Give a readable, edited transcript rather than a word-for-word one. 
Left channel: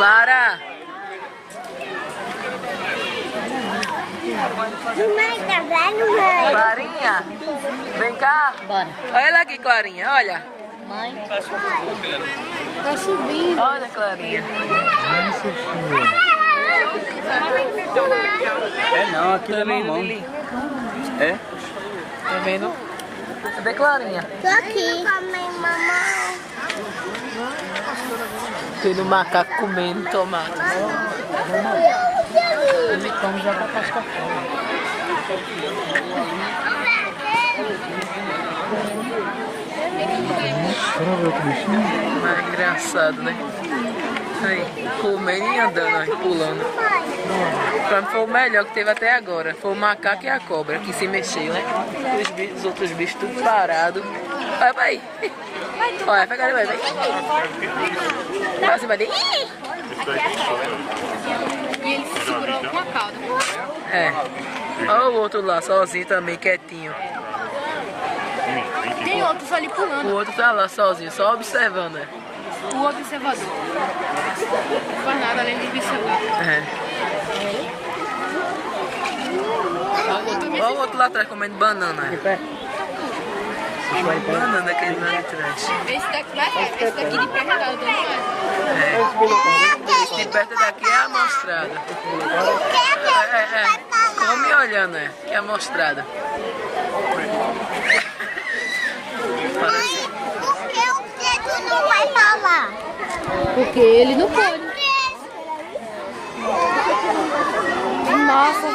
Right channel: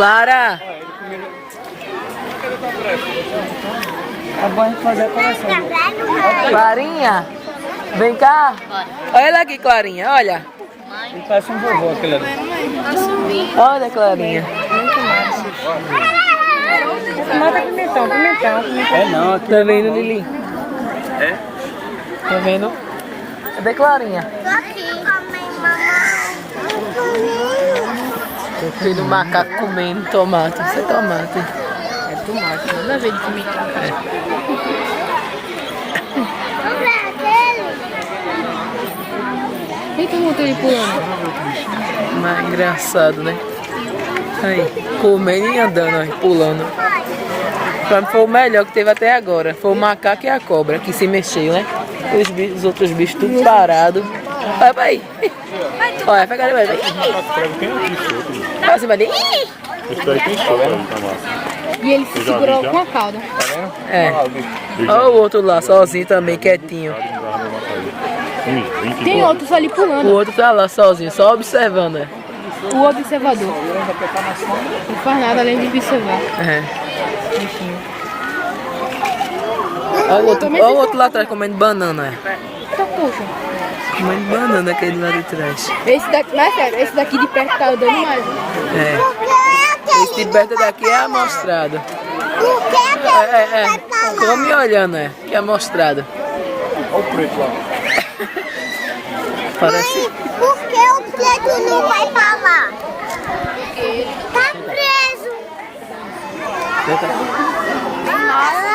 Clara! É bom a gente fazer a coleção. Clarinha! Vem cá! Bora. Olha ela aqui, Clarinha, olha! Ele parece um vovô aquele ali. Olha, Clarinha! Manda pimentão. É não, aqui Tá é vendo, mamão. Lili? É? Tá vendo? Cadê Clarinha? Tô aqui. Filho do macaco comendo tomate. Isso é tomate. Nada a ver com E tem muito ele pulando. Mas é engraçado, né? Aí, comendo e andando, aí, pulando. Pra mim foi o melhor que teve até agora. Foi o macaco e a cobra que se mexeu, né? Os outros bichos tudo parados. Vai. Olha, pega ali, vai. Vai assim, vai. E ele se segurou com a cauda. É. Olha o outro lá, sozinho também, quietinho. Tem outros ali O pulando. outro tá lá sozinho, só observando, né? O observador. Não faz nada além de observar. É. Olha o outro lá atrás comendo banana, é. Tá pouco. Comendo banana aquele lá de trás. Esse daqui, mas sério, esse daqui de perto tá dando mais. É. Esse de perto daqui é amostrado. É. Come olhando, é. Que é amostrado. Olha o preto lá. Parece. Por que o preto não vai pra lá? Porque ele não Tá quer. preso. Nossa,